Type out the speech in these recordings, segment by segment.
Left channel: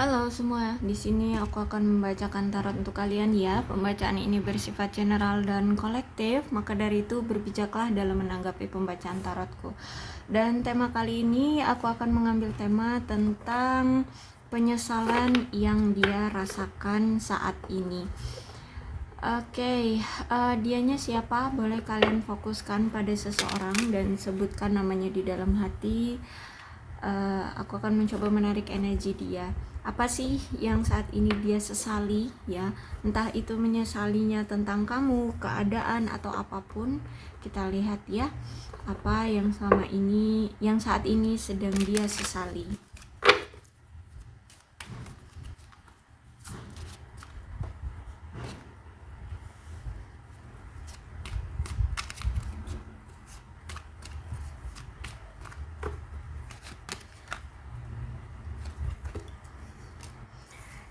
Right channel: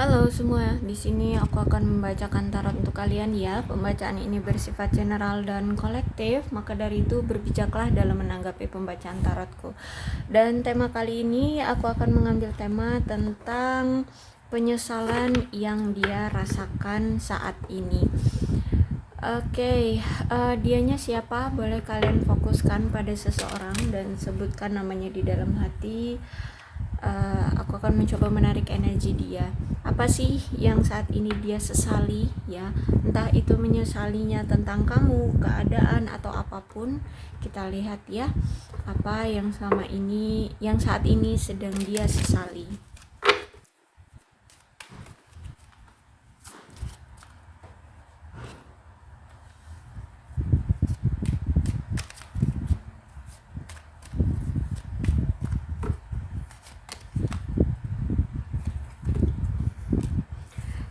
Halo semua, di sini aku akan membacakan tarot untuk kalian ya. Pembacaan ini bersifat general dan kolektif, maka dari itu berbijaklah dalam menanggapi pembacaan tarotku. Dan tema kali ini aku akan mengambil tema tentang penyesalan yang dia rasakan saat ini. Oke, dianya siapa? Boleh kalian fokuskan pada seseorang dan sebutkan namanya di dalam hati. Aku akan mencoba menarik energi dia. Apa sih yang saat ini dia sesali ya? Entah itu menyesalinya tentang kamu, keadaan atau apapun. Kita lihat ya, apa yang saat ini sedang dia sesali.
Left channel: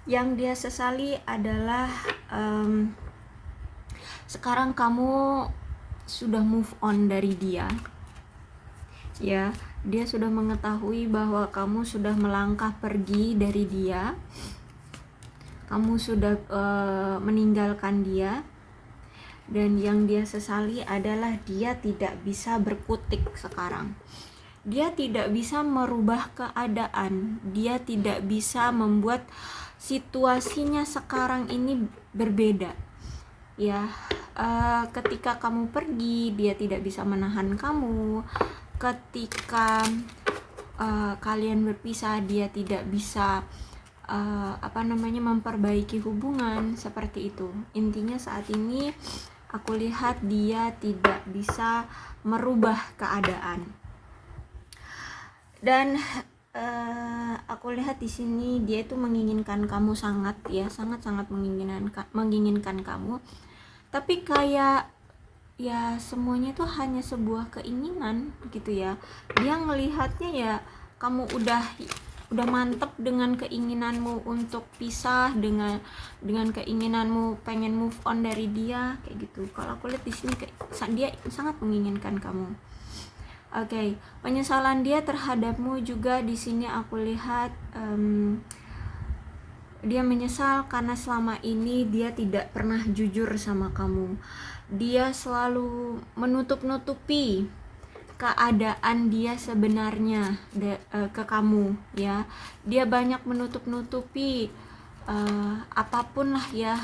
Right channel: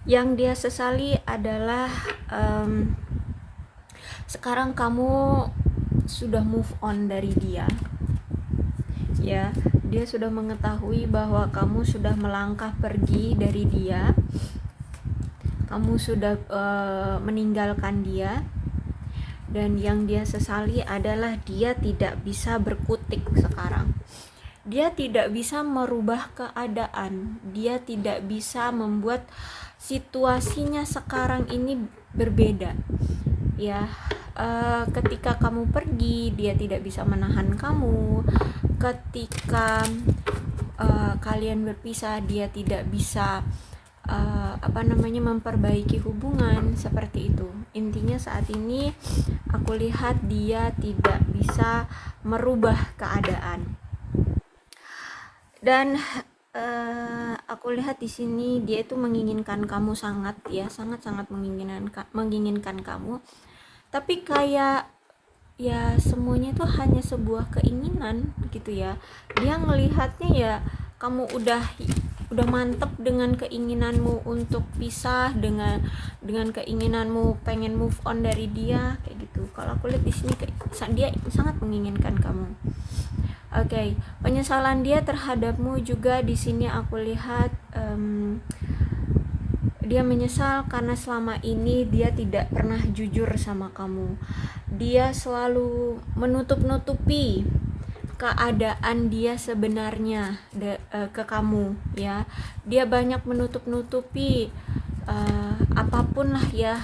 Yang dia sesali adalah sekarang kamu sudah move on dari dia. Ya, dia sudah mengetahui bahwa kamu sudah melangkah pergi dari dia. Kamu sudah meninggalkan dia. Dan yang dia sesali adalah dia tidak bisa berkutik sekarang. Dia tidak bisa merubah keadaan. Dia tidak bisa membuat situasinya sekarang ini berbeda. Ya, ketika kamu pergi, dia tidak bisa menahan kamu. Ketika kalian berpisah, dia tidak bisa memperbaiki hubungan seperti itu. Intinya saat ini aku lihat dia tidak bisa merubah keadaan. Dan aku lihat di sini dia itu menginginkan kamu sangat menginginkan kamu. Tapi kayak ya semuanya itu hanya sebuah keinginan gitu ya. Dia ngelihatnya ya kamu udah mantep dengan keinginanmu untuk pisah, dengan keinginanmu pengen move on dari dia kayak gitu. Kalau aku lihat di sini dia sangat menginginkan kamu. Oke, penyesalan dia terhadapmu juga di sini aku lihat dia menyesal karena selama ini dia tidak pernah jujur sama kamu. Dia selalu menutup-nutupi keadaan dia sebenarnya ke kamu ya. Dia banyak menutup-nutupi apapun lah ya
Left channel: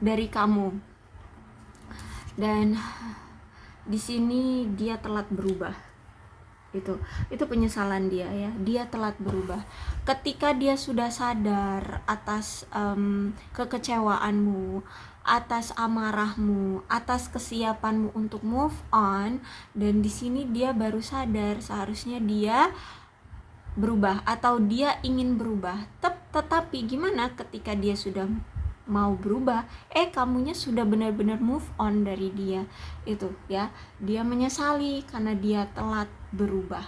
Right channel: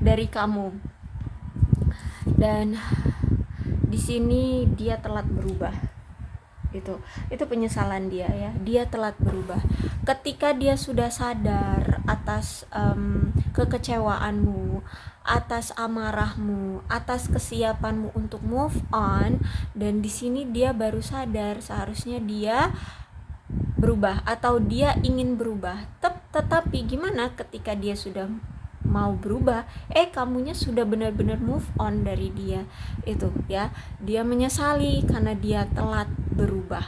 dari kamu. Dan di sini dia telat berubah. Itu penyesalan dia ya. Dia telat berubah. Ketika dia sudah sadar atas kekecewaanmu, atas amarahmu, atas kesiapanmu untuk move on, dan di sini dia baru sadar seharusnya dia berubah atau dia ingin berubah. Tetapi gimana ketika dia sudah mau berubah, kamunya sudah benar-benar move on dari dia. Itu ya, dia menyesali karena dia telat berubah.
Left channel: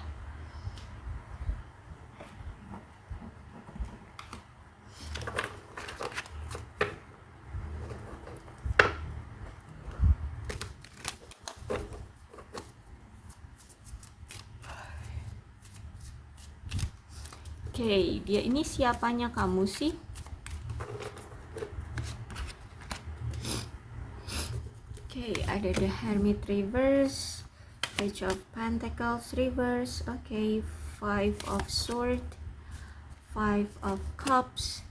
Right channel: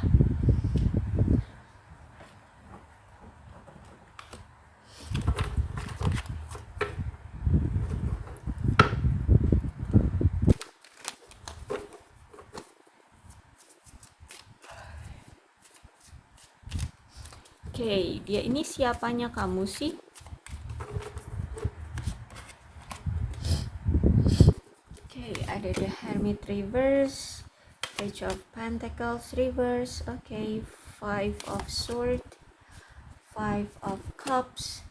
Oke, dia ini siapanya kamu sih? Ada the Hermit reverse, Page of Pentacles reverse, Five of Swords, Five of Cups,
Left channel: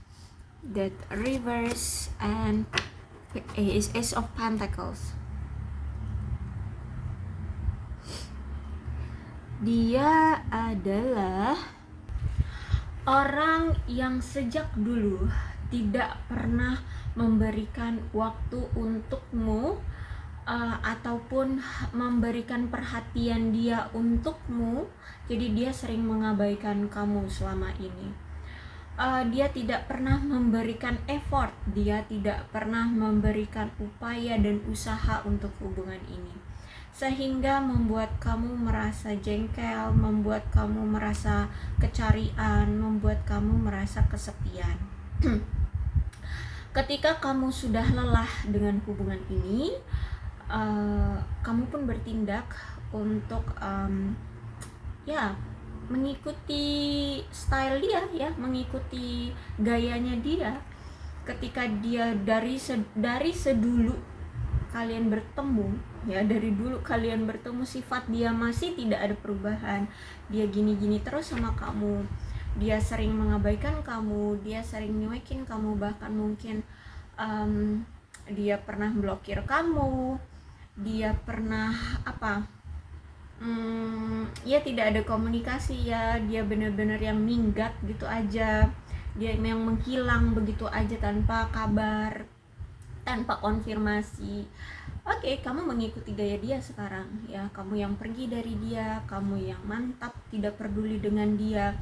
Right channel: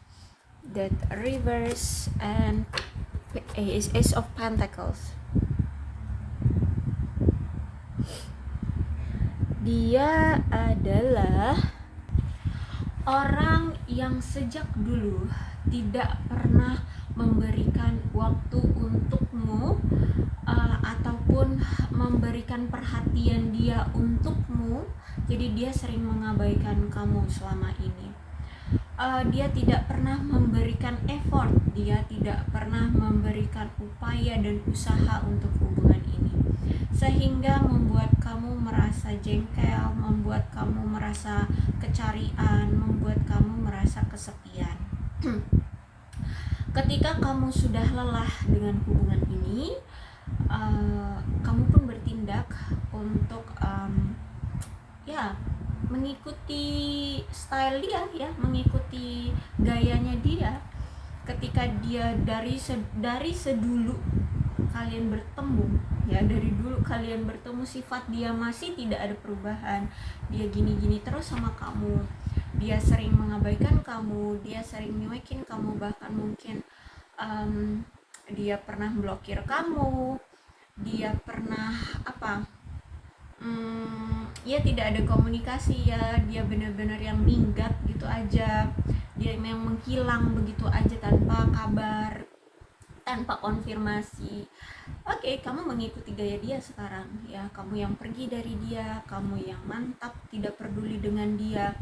Death reverse, and Ace of Pentacles. Dia adalah orang yang sejak dulu tidak pernah memberikan waktu untukmu ataupun memberikan perhatian dia untukmu. Jadi dia sering mengabaikan kamu selama ini. Dia tidak pernah memberikan effort, dia tidak pernah memberikan upaya dan usaha untuk hubungan ini, sehingga membuat kamu merasa jengkel, membuat kamu merasa kecarian, membuat kamu merasa kesepian. Ketika kamu sudah lelah dengan hubungan ini, kamu pun bertindak untuk mengikuti style dia ya, mengikuti gayanya dia. Ketika dia dari sedulu kalian bertemu ya, dari dulu kalian bertemu, sifat dia masih tidak ada perubahan. Dia gini-gini terus sama kamu, dia sering mengabaikan kamu, dia sering nyuekin kamu, bahkan mungkin dia pernah blokir kamu, dia pernah ya tidak ada komunikasi ya, dia benar-benar yang minggat gitu aja, dia yang menghilang begitu aja tanpa kabar, tanpa konfirmasi. Oke, kamu mengikuti gaya dia sekarang ya, kamu yang pergi dari dia, kamu yang mantap tidak peduli dengan dia,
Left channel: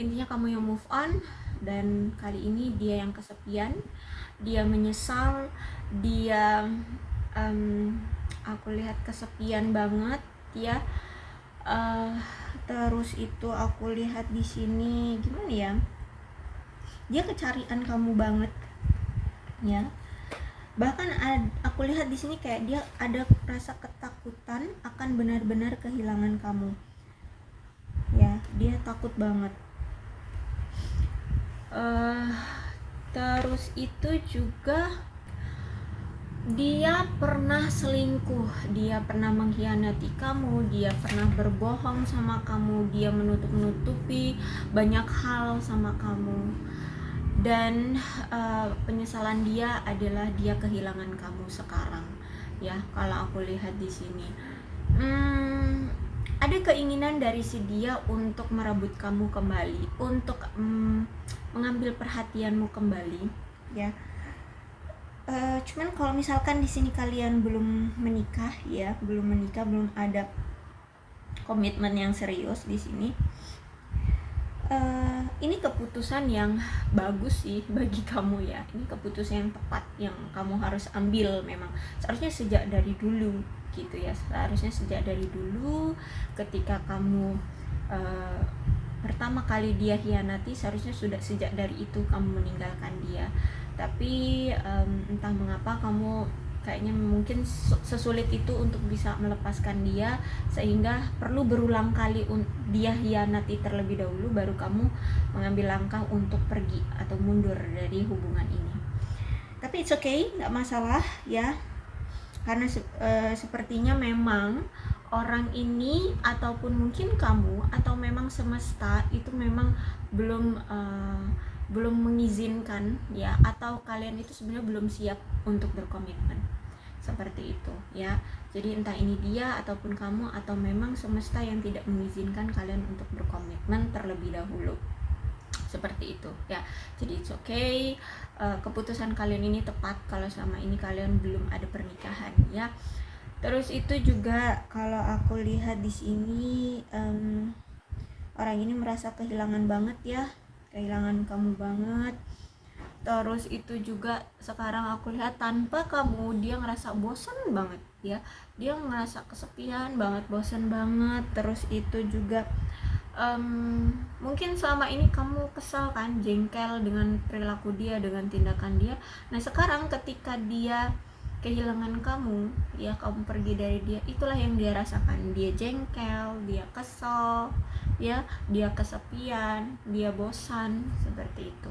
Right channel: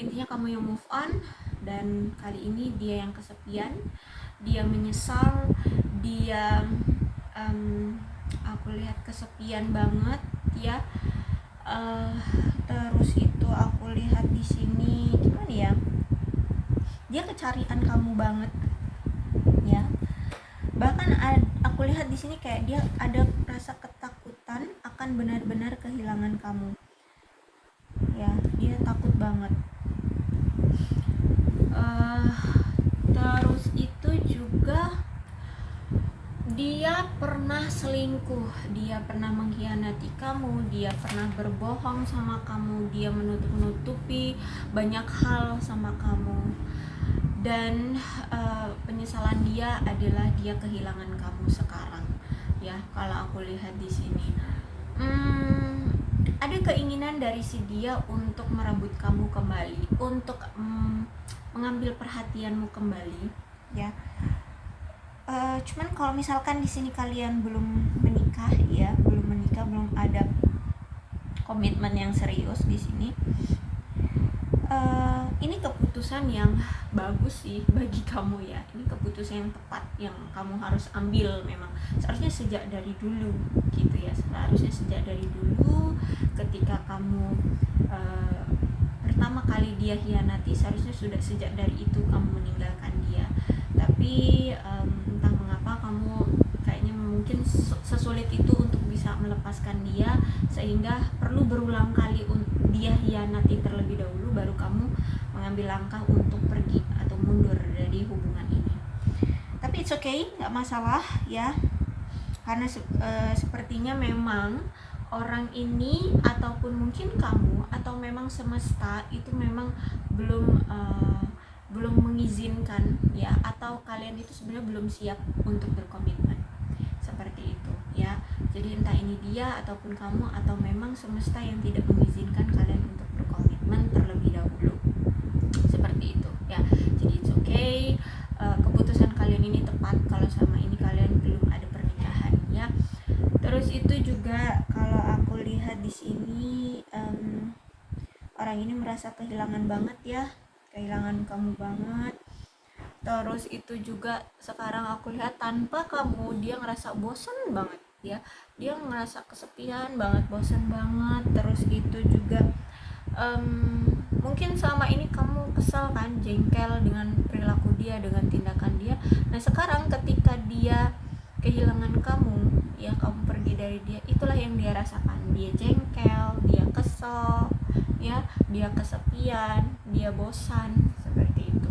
intinya kamu yang move on. Dan kali ini dia yang kesepian, dia menyesal, dia aku lihat kesepian banget ya. Terus itu aku lihat di sini gimana ya, dia kecarian kamu banget ya. Bahkan aku lihat di sini kayak dia ada rasa ketakutan akan benar-benar kehilangan kamu ya, dia takut banget. Terus itu juga dia pernah selingkuh, dia pernah mengkhianati kamu, dia pernah berbohong sama kamu, dia menutup-nutupi banyak hal sama kamu. Dan penyesalan dia adalah dia kehilangan kamu sekarang ya. Kalau aku lihat di sini ada keinginan dari si dia untuk merebut kamu kembali, untuk mengambil perhatianmu kembali ya. Cuman kalau misalkan di sini kalian belum menikah ya, belum ada komitmen yang serius di sini, ini keputusan yang bagus sih bagi kamu ya. Ini keputusan yang tepat yang kamu harus ambil. Memang seharusnya sejak dari dulu gitu ya, seharusnya sejak dari dulu ketika kamu pertama kali dia hianati, seharusnya sudah sejak dari itu kamu meninggalkan dia. Tapi entah mengapa kamu kayaknya mungkin sesulit itu untuk bisa melepaskan dia, sehingga perlu berulang kali dia hianati terlebih dahulu baru kamu mengambil langkah untuk pergi atau mundur dari hubungan ini. Tapi it's okay, nggak masalah ya, karena sepertinya memang orang ini ataupun mungkin kamu atau memang semesta itu memang belum mengizinkan ya, atau kalian itu sebenarnya belum siap untuk berkomitmen seperti itu ya. Jadi entah ini dia ataupun kamu atau memang semesta yang tidak mengizinkan kalian untuk berkomitmen terlebih dahulu, seperti itu ya. Jadi it's okay, keputusan kalian ini tepat kalau sama ini kalian belum ada pernikahan ya. Terus itu juga kalau aku lihat di sini orang ini merasa kehilangan banget ya, kehilangan kamu banget. Terus itu juga sekarang aku lihat tanpa kamu dia ngerasa bosan banget ya, dia ngerasa kesepian banget, bosan banget. Terus itu juga mungkin selama ini kamu kesal kan, jengkel dengan perilaku dia, dengan tindakan dia. Nah sekarang ketika dia kehilangan kamu ya, kamu pergi dari dia, itulah yang dia rasakan. Dia jengkel, dia kesal ya, dia kesepian, dia bosan, seperti itu.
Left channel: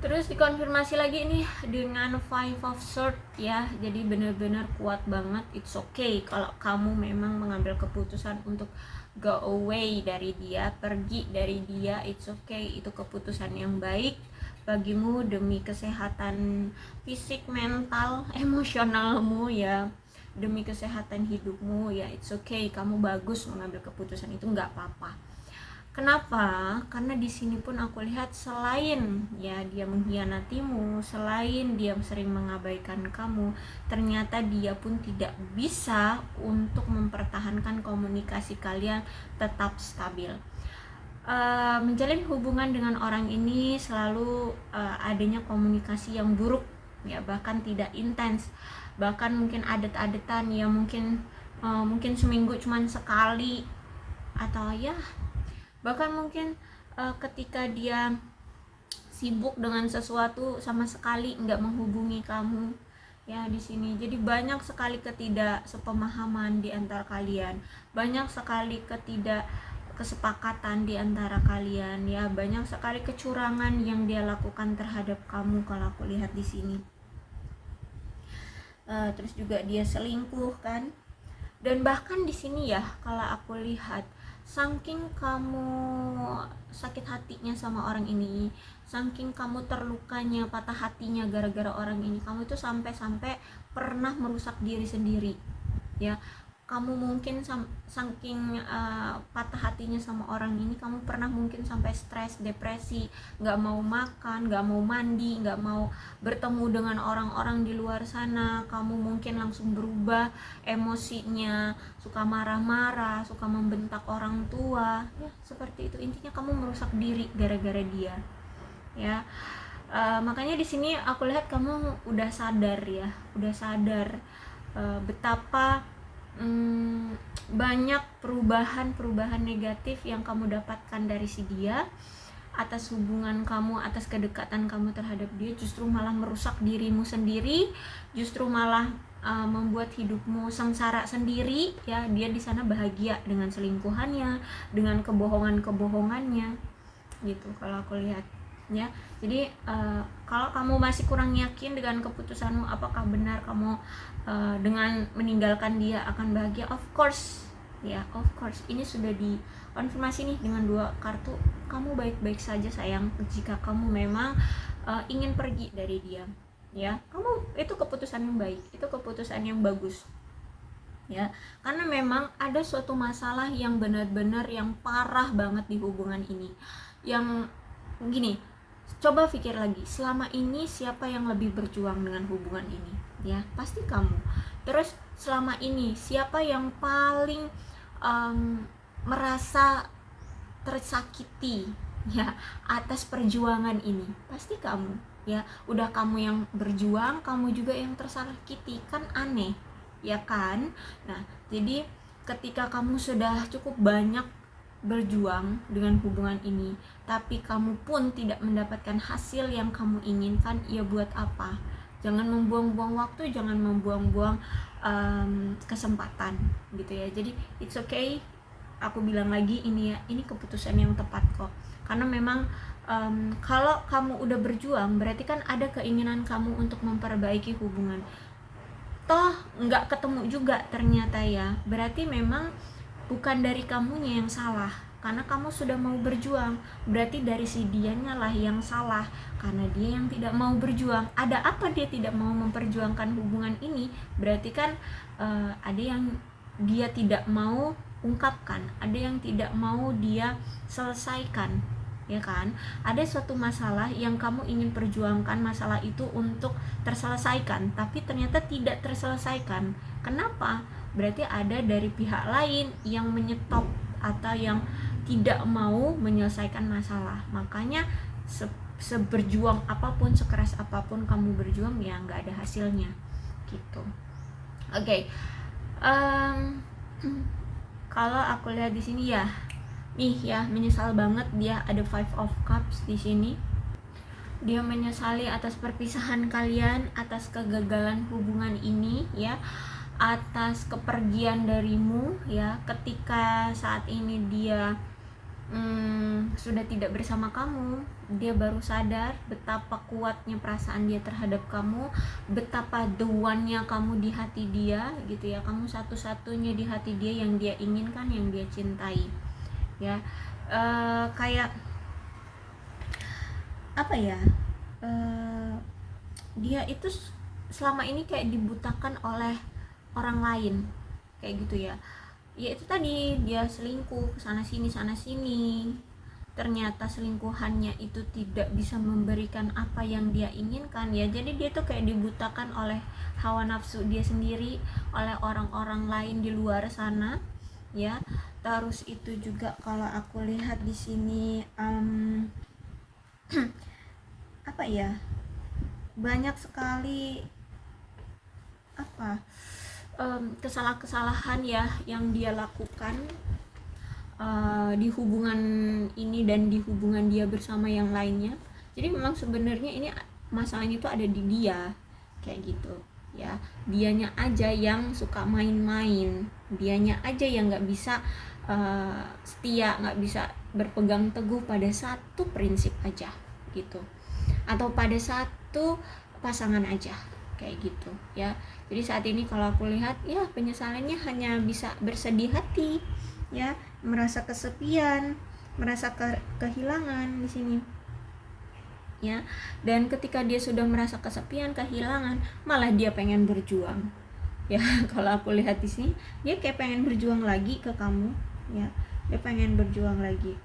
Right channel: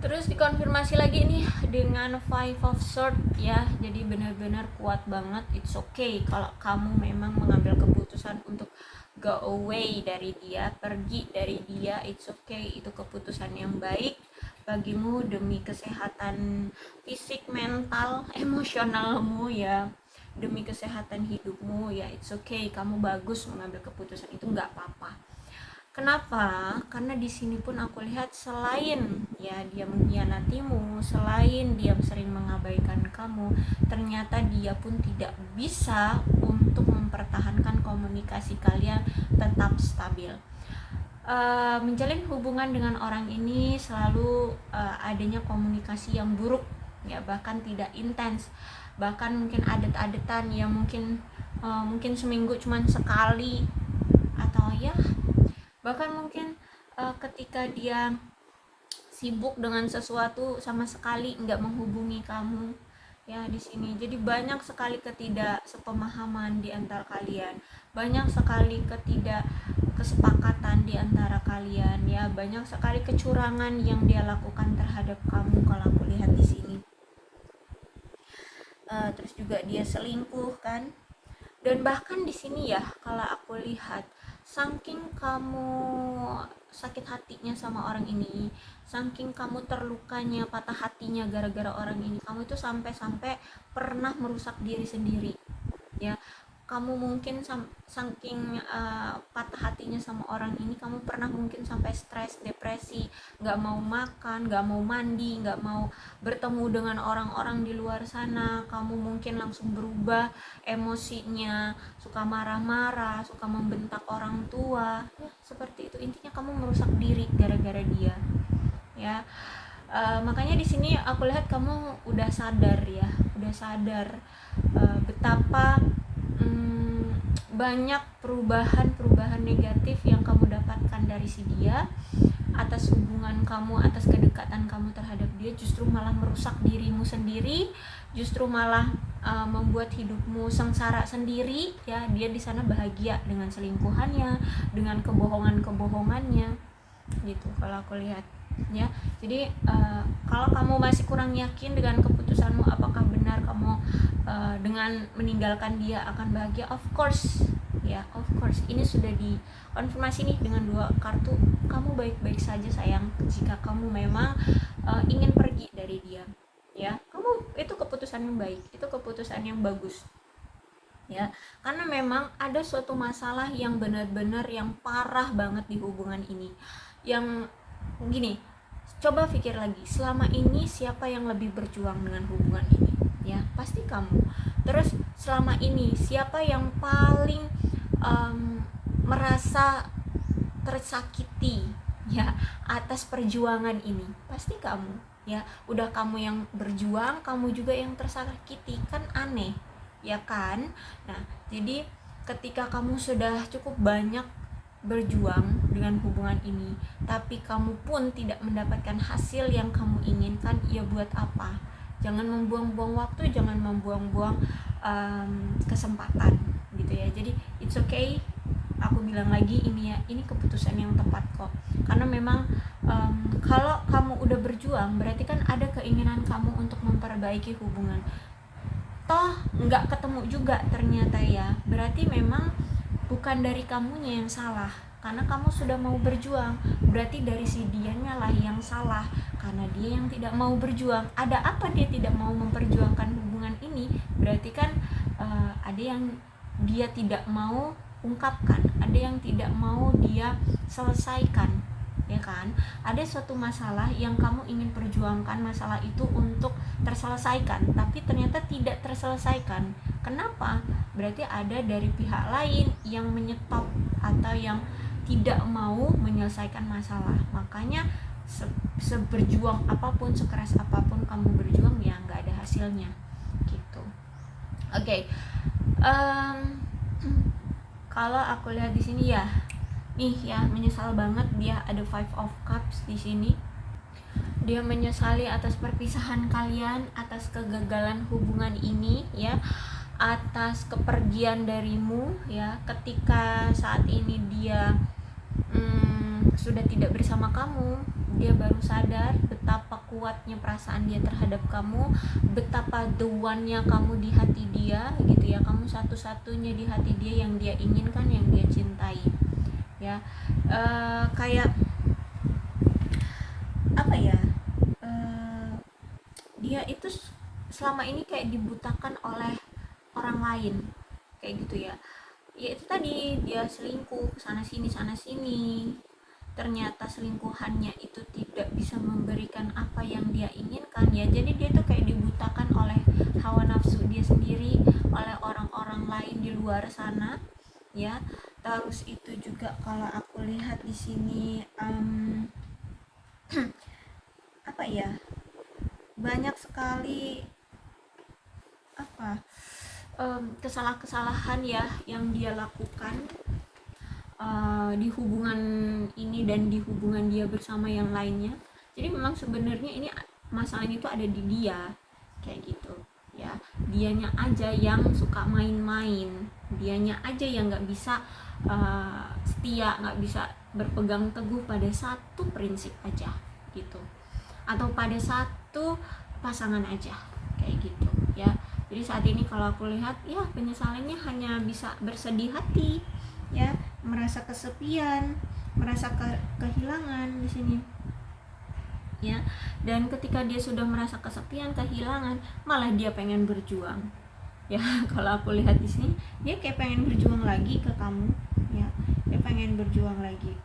Terus dikonfirmasi lagi nih dengan Five of Swords ya. Jadi benar-benar kuat banget. It's okay kalau kamu memang mengambil keputusan untuk go away dari dia, pergi dari dia. It's okay, itu keputusan yang baik bagimu demi kesehatan fisik, mental, emosionalmu ya, demi kesehatan hidupmu ya. It's okay, kamu bagus mengambil keputusan itu, nggak apa-apa. Kenapa? Karena di sini pun aku lihat selain ya dia mengkhianatimu, selain dia sering mengabaikan kamu, ternyata dia pun tidak bisa untuk mempertahankan komunikasi kalian tetap stabil. Menjalin hubungan dengan orang ini selalu adanya komunikasi yang buruk ya, bahkan tidak intens, bahkan mungkin adet-adetan yang mungkin seminggu cuman sekali, atau ya bahkan mungkin ketika dia sibuk dengan sesuatu sama sekali nggak menghubungi kamu ya di sini. Jadi banyak sekali ketidaksepemahaman di antara kalian, banyak sekali ketidakkesepakatan di antara kalian, ya banyak sekali kecurangan yang dia lakukan terhadap kamu kalau aku lihat di sini. Terus juga dia selingkuh kan, dan bahkan di sini ya kalau aku lihat, saking kamu sakit hatinya sama orang ini, saking kamu terlukanya, patah hatinya gara-gara orang ini, kamu itu sampai-sampai pernah merusak diri sendiri, ya. Kamu mungkin saking patah hatinya sama orang ini, kamu pernah mungkin sampai stres, depresi, nggak mau makan, nggak mau mandi, nggak mau bertemu dengan orang-orang di luar sana. Kamu mungkin langsung berubah emosinya, suka marah-marah, suka membentak orang tua, ya seperti itu. Intinya kamu merusak diri gara-gara dia, ya. Makanya di sini aku lihat kamu udah sadar, ya, udah sadar betapa banyak perubahan negatif yang kamu dapatkan dari si dia, atas hubungan kamu, atas kedekatan kamu terhadap dia. Justru malah merusak dirimu sendiri, justru malah membuat hidupmu sengsara sendiri, ya. Dia di sana bahagia dengan selingkuhannya, dengan kebohongannya, gitu kalau aku lihat, ya. Jadi kalau kamu masih kurang yakin dengan keputusanmu, apakah benar kamu dengan meninggalkan dia akan bahagia, of course, ya, of course. Ini sudah dikonfirmasi nih dengan 2 kartu. Kamu baik-baik saja sayang, jika kamu memang ingin pergi dari dia, ya. Kamu, itu keputusan yang baik, itu keputusan yang bagus, ya. Karena memang ada suatu masalah yang benar-benar yang parah banget di hubungan ini. Yang gini, coba pikir lagi, selama ini siapa yang lebih berjuang dengan hubungan ini, ya pasti kamu. Terus selama ini siapa yang paling merasa tersakiti, ya, atas perjuangan ini? Pasti kamu, ya. Udah kamu yang berjuang, kamu juga yang tersakiti, kan aneh, ya kan? Nah, jadi ketika kamu sudah cukup banyak berjuang dengan hubungan ini, tapi kamu pun tidak mendapatkan hasil yang kamu inginkan, ya buat apa? Jangan membuang-buang waktu, jangan membuang-buang kesempatan, gitu ya. Jadi it's okay, aku bilang lagi, ini ya, ini keputusan yang tepat kok. Karena memang kalau kamu udah berjuang, berarti kan ada keinginan kamu untuk memperbaiki hubungan. Toh nggak ketemu juga ternyata, ya. Berarti memang bukan dari kamunya yang salah, karena kamu sudah mau berjuang. Berarti dari si dianya lah yang salah, karena dia yang tidak mau berjuang. Ada apa dia tidak mau memperjuangkan hubungan ini? Berarti kan ada yang dia tidak mau ungkapkan, ada yang tidak mau dia selesaikan, ya kan? Ada suatu masalah yang kamu ingin perjuangkan masalah itu untuk terselesaikan, tapi ternyata tidak terselesaikan. Kenapa? Berarti ada dari pihak lain yang menyetop atau yang tidak mau menyelesaikan masalah. Makanya seberjuang apapun, sekeras apapun kamu berjuang, ya nggak ada hasilnya, gitu. Oke. Kalau aku lihat di sini, ya, nih ya, menyesal banget. Dia ada 5 of Cups di sini. Dia menyesali atas perpisahan kalian, atas kegagalan hubungan ini, ya, atas kepergian darimu, ya. Ketika saat ini dia sudah tidak bersama kamu, dia baru sadar betapa kuatnya perasaan dia terhadap kamu, betapa the one-nya kamu di hati dia, gitu ya. Kamu satu-satunya di hati dia yang dia inginkan, yang dia cintai, ya. Kayak apa ya, dia itu selama ini kayak dibutakan oleh orang lain, kayak gitu ya. Ya itu tadi, dia selingkuh sana sini, ternyata selingkuhannya itu tidak bisa memberikan apa yang dia inginkan, ya. Jadi dia tuh kayak dibutakan oleh hawa nafsu dia sendiri, oleh orang-orang lain di luar sana, ya. Terus itu juga kalau aku lihat di sini apa ya, banyak sekali kesalahan-kesalahan, ya, yang dia lakukan di hubungan ini dan di hubungan dia bersama yang lainnya. Jadi memang sebenarnya ini masalahnya itu ada di dia, kayak gitu, ya. Dianya aja yang suka main-main, dianya aja yang nggak bisa setia, nggak bisa berpegang teguh pada satu prinsip aja gitu, atau pada satu pasangan aja kayak gitu ya. Jadi saat ini kalau aku lihat ya penyesalannya hanya bisa bersedih hati ya, merasa kesepian, merasa kehilangan di sini ya. Dan ketika dia sudah merasa kesepian, kehilangan, malah dia pengen berjuang ya. Kalau aku lihat di sini dia kayak pengen berjuang lagi ke kamu ya, dia pengen berjuang lagi.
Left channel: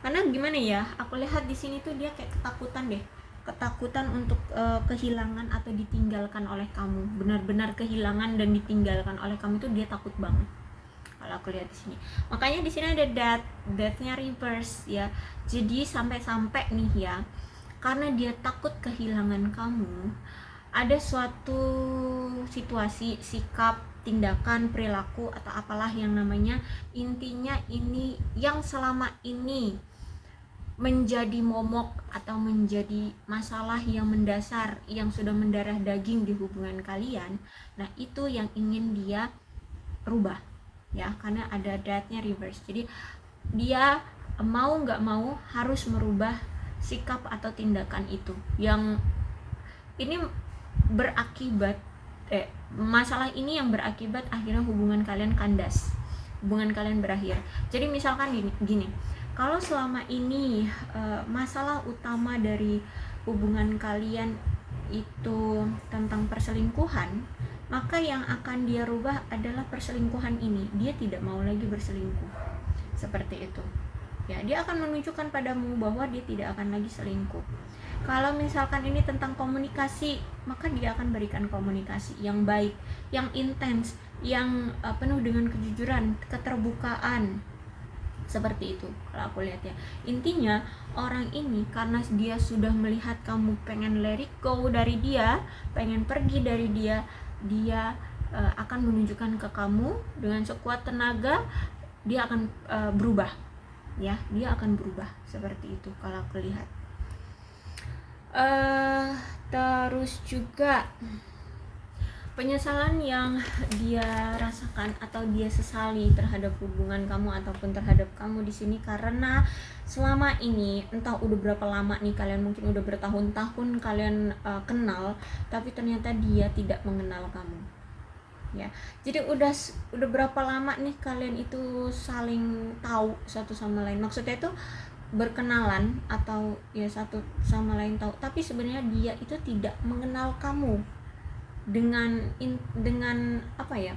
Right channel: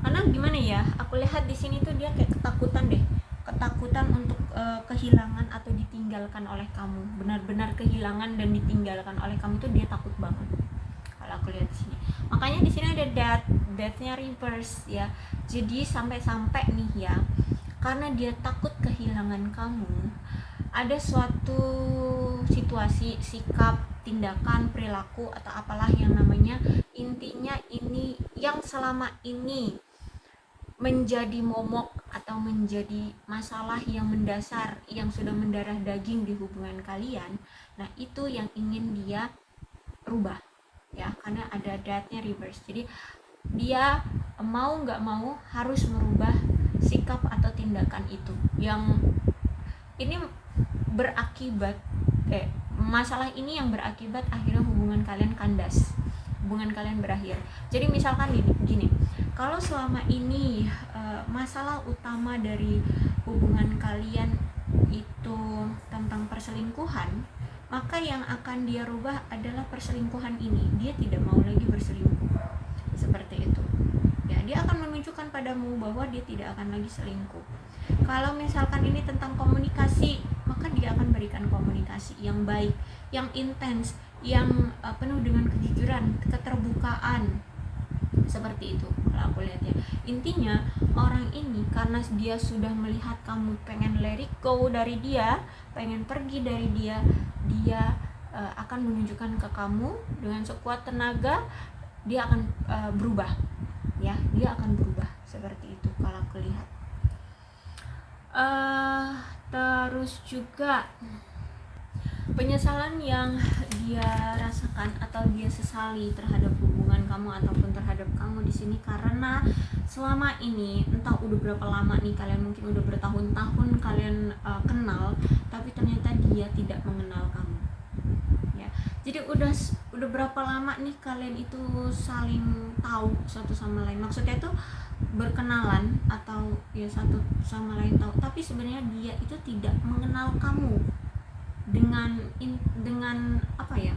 Karena gimana ya, aku lihat di sini tuh dia kayak ketakutan deh, ketakutan untuk kehilangan atau ditinggalkan oleh kamu, benar-benar kehilangan dan ditinggalkan oleh kamu, itu dia takut banget kalau aku lihat di sini. Makanya di sini ada death-nya reverse ya. Jadi sampai-sampai nih ya, karena dia takut kehilangan kamu, ada suatu situasi, sikap, tindakan, perilaku atau apalah yang namanya, intinya ini yang selama ini menjadi momok atau menjadi masalah yang mendasar, yang sudah mendarah daging di hubungan kalian. Nah itu yang ingin dia rubah ya, karena ada death-nya reverse. Jadi dia mau nggak mau harus merubah sikap atau tindakan itu, yang ini berakibat masalah ini yang berakibat akhirnya hubungan kalian kandas, hubungan kalian berakhir. Jadi misalkan gini, kalau selama ini masalah utama dari hubungan kalian itu tentang perselingkuhan, maka yang akan dia rubah adalah perselingkuhan ini. Dia tidak mau lagi berselingkuh seperti itu ya. Dia akan menunjukkan padamu bahwa dia tidak akan lagi selingkuh. Kalau misalkan ini tentang komunikasi, maka dia akan berikan komunikasi yang baik, yang intens, yang penuh dengan kejujuran, keterbukaan, seperti itu kalau aku lihat ya. Intinya orang ini karena dia sudah melihat kamu pengen let it go dari dia, pengen pergi dari dia, dia akan menunjukkan ke kamu dengan sekuat tenaga, dia akan berubah ya, dia akan berubah seperti itu kalau aku lihat. Terus juga penyesalan yang dia rasakan atau dia sesali terhadap hubungan kamu ataupun terhadap kamu di sini, karena selama ini entah udah berapa lama nih kalian, mungkin udah bertahun-tahun kalian kenal, tapi ternyata dia tidak mengenal kamu ya. Jadi udah berapa lama nih kalian itu saling tahu satu sama lain, maksudnya itu berkenalan atau ya satu sama lain tahu, tapi sebenarnya dia itu tidak mengenal kamu dengan apa ya,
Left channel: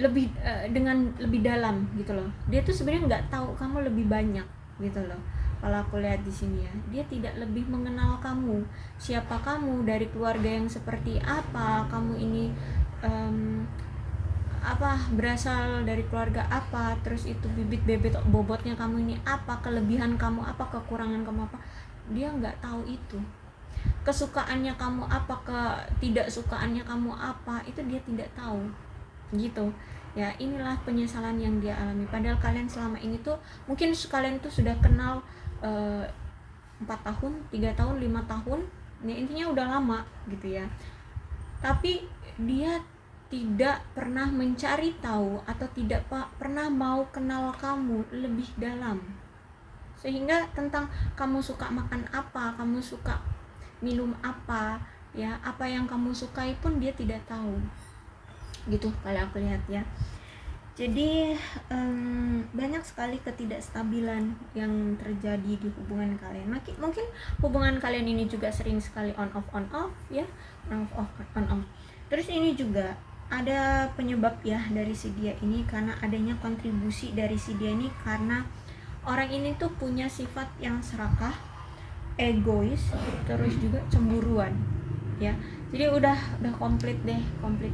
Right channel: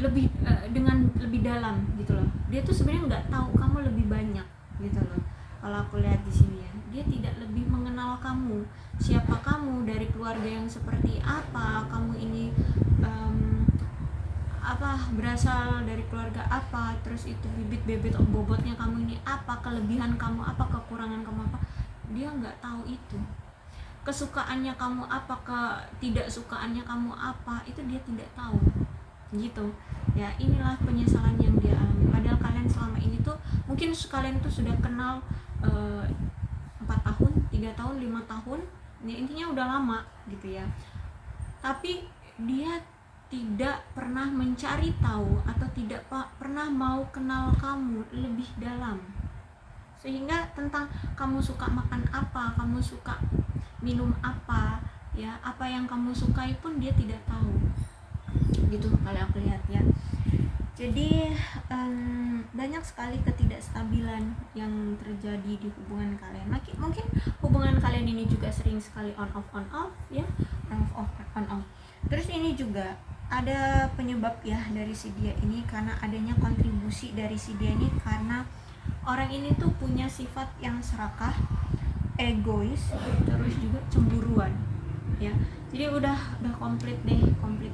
lebih dengan lebih dalam gitu loh. Dia tuh sebenarnya nggak tahu kamu lebih banyak gitu loh. Kalau aku lihat di sini ya, dia tidak lebih mengenal kamu, siapa kamu, dari keluarga yang seperti apa, kamu ini berasal dari keluarga apa, terus itu bibit bobotnya kamu ini apa, kelebihan kamu apa, kekurangan kamu apa, dia nggak tahu itu. Kesukaannya kamu apa, ketidaksukaannya kamu apa, itu dia tidak tahu gitu ya. Inilah penyesalan yang dia alami, padahal kalian selama ini tuh mungkin kalian tuh sudah kenal 4 tahun, 3 tahun, 5 tahun ya, intinya udah lama gitu ya, tapi dia tidak pernah mencari tahu atau tidak pernah mau kenal kamu lebih dalam, sehingga tentang kamu suka makan apa, kamu suka minum apa ya, apa yang kamu sukai pun dia tidak tahu gitu kalau aku lihat ya. Jadi banyak sekali ketidakstabilan yang terjadi di hubungan kalian. Mungkin hubungan kalian ini juga sering sekali on off ya, on off. Terus ini juga ada penyebab ya dari si dia ini, karena adanya kontribusi dari si dia ini, karena orang ini tuh punya sifat yang serakah, egois, terus juga cemburuan ya. Jadi udah komplit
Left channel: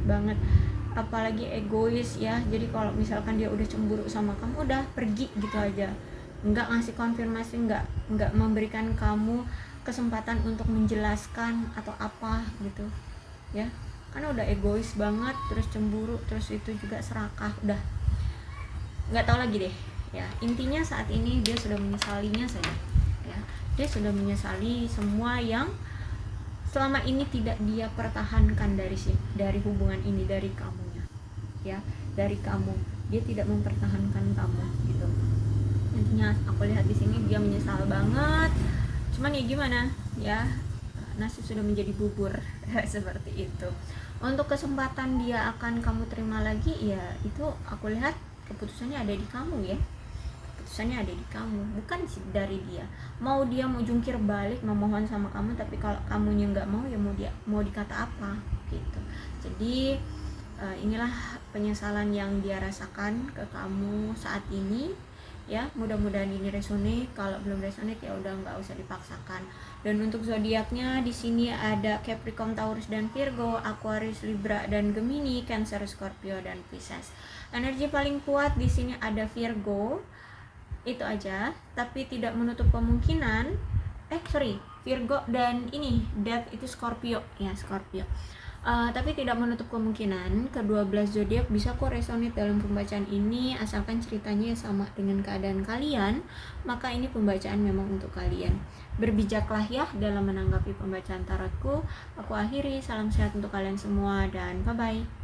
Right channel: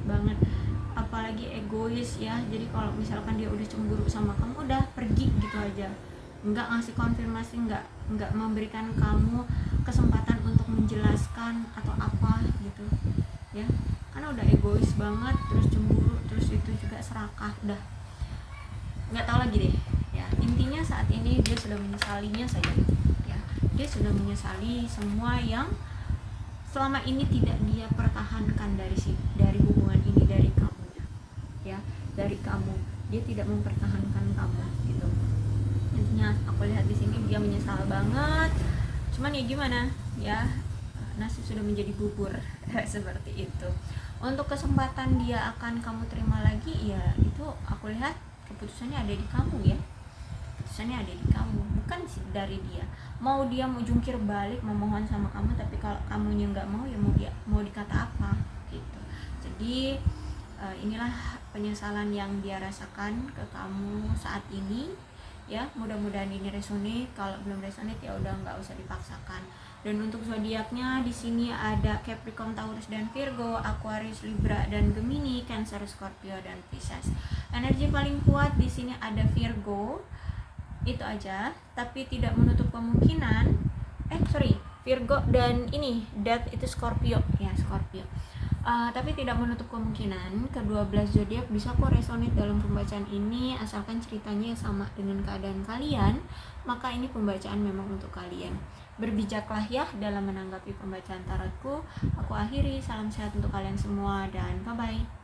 banget, apalagi egois ya. Jadi kalau misalkan dia udah cemburu sama kamu, udah pergi gitu aja, nggak ngasih konfirmasi, nggak memberikan kamu kesempatan untuk menjelaskan atau apa gitu ya, karena udah egois banget, terus cemburu, terus itu juga serakah, udah nggak tahu lagi deh ya. Intinya saat ini dia sudah menyesalinya saja ya, dia sudah menyesali semua yang selama ini tidak dia pertahankan dari hubungan ini, dari kamunya, ya, dari kamu, dia tidak mempertahankan kamu gitu. Intinya aku lihat di sini dia menyesal banget, cuman ya gimana ya, nasi sudah menjadi bubur. Seperti itu. Untuk kesempatan dia akan kamu terima lagi, ya itu aku lihat keputusannya ada di kamu ya, keputusannya ada di kamu, bukan sih dari dia. Mau dia mau jungkir balik memohon sama kamu, tapi kalau kamunya nggak mau, ya mau dikata apa gitu. Jadi inilah penyesalan yang dia rasakan ke kamu saat ini ya. Mudah-mudahan ini resonate. Kalau belum resonate ya udah nggak usah dipaksakan. Dan untuk zodiaknya di sini ada Capricorn, Taurus dan Virgo, Aquarius, Libra dan Gemini, Cancer, Scorpio dan Pisces. Energi paling kuat di sini ada Virgo, itu aja, tapi tidak menutup kemungkinan Virgo dan ini Death itu Scorpio ya, Scorpio. Tapi tidak menutup kemungkinan kedua belas zodiak bisa kok resonate dalam pembacaan ini, asalkan ceritanya sama dengan keadaan kalian, maka ini pembacaan memang untuk kalian. Berbijaklah ya dalam menanggapi pembacaan tarotku. Aku akhiri, salam sehat untuk kalian semua dan bye bye.